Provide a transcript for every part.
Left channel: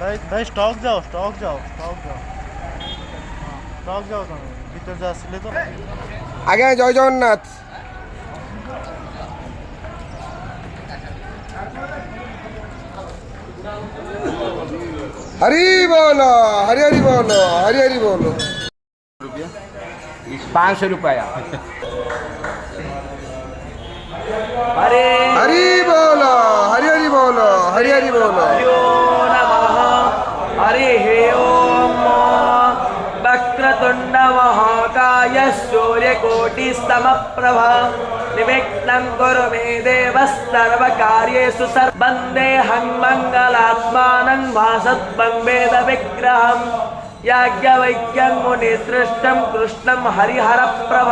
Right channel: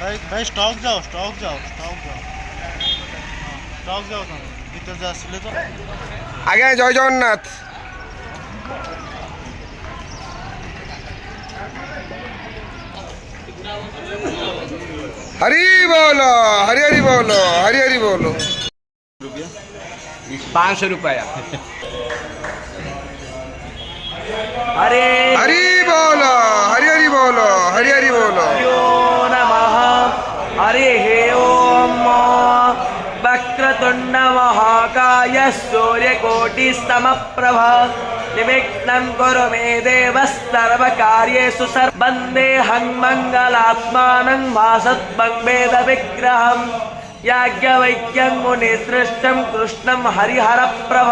भाई भाई स्टॉक जाओ स्टॉक जाओ स्टॉक जाओ स्टॉक जाओ तुम भीतर जा আসলে তো आगे जय जगन्नाथ। हरी बोलो हरी हरी बोलो हरी हरी बोलो। 500 रुपया। हरे हरी बोलो हरी हरी बोलो हरी हरी बोलो। नमः हरि ओम वक्रतुंड महाकाय सूर्यकोटिस्तमप्रभ निर्विघ्नं कुरु मे देव सर्वकार्येषु वन्देऽहं मङ्गलात्मानं वासत्वं वेद विग्रहम् याज्ञवल्क्यं मुनिसृष्टं कृष्णं हरिहरप्रभ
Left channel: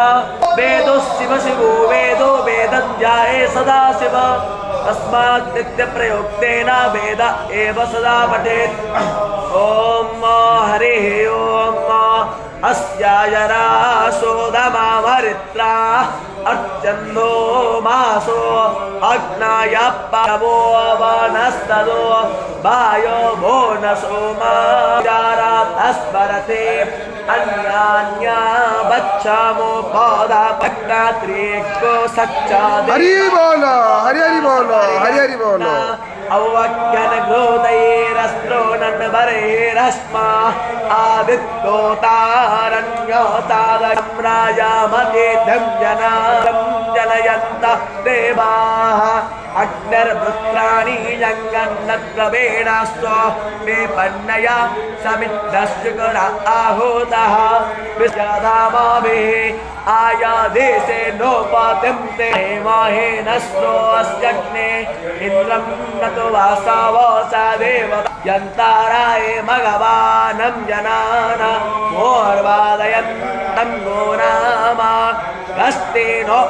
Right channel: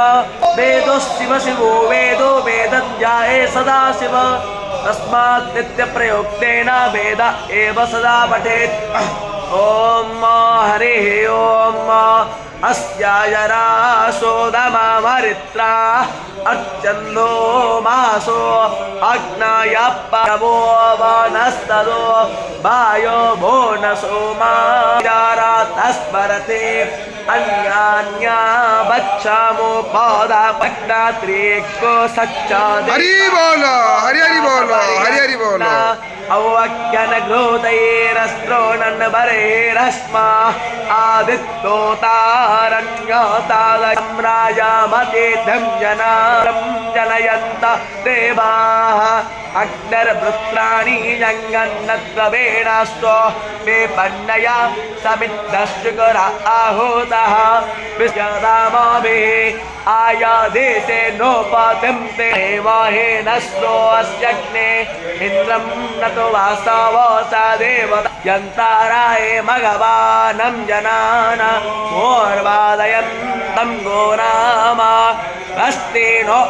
वेदो शिव शिवो वेदो वेदं ध्याये सदा शिव तस्मात् नित्यप्रयोक्तेन वेद एव सदा पठेत्। ॐ हरिः ॐ अस्यायरासोदमामरित्रा अर्चन्नो मासो अग्नाय परमो वनस्तदो वायो भो न सोमा स्मरते अन्यान्या बच्चामो पादा पट्टात्रिको सच्चा। हरी बोलो हरी हरी बोलो हरी हरी बोलो। अवज्ञन ग्रोदैरस्त्रोणन बरेरस्मा आदित्योतारण्योतारं राजामकेतं जनां जनयन्त देवाः अग्निर्वृत्राणि यङ्गन्नत्वेनास्त्व मे पन्नया समिद्धश्चुकर आहूतः विश्वदामाभिः आयादेशे नोपतिंते देवाहेनस्रो अस्यग्ने इन्द्रं नतो वासवसा देव यन्ताराय मघवानं जनान मोर्वादयन्तं गोनामा अस्ति नो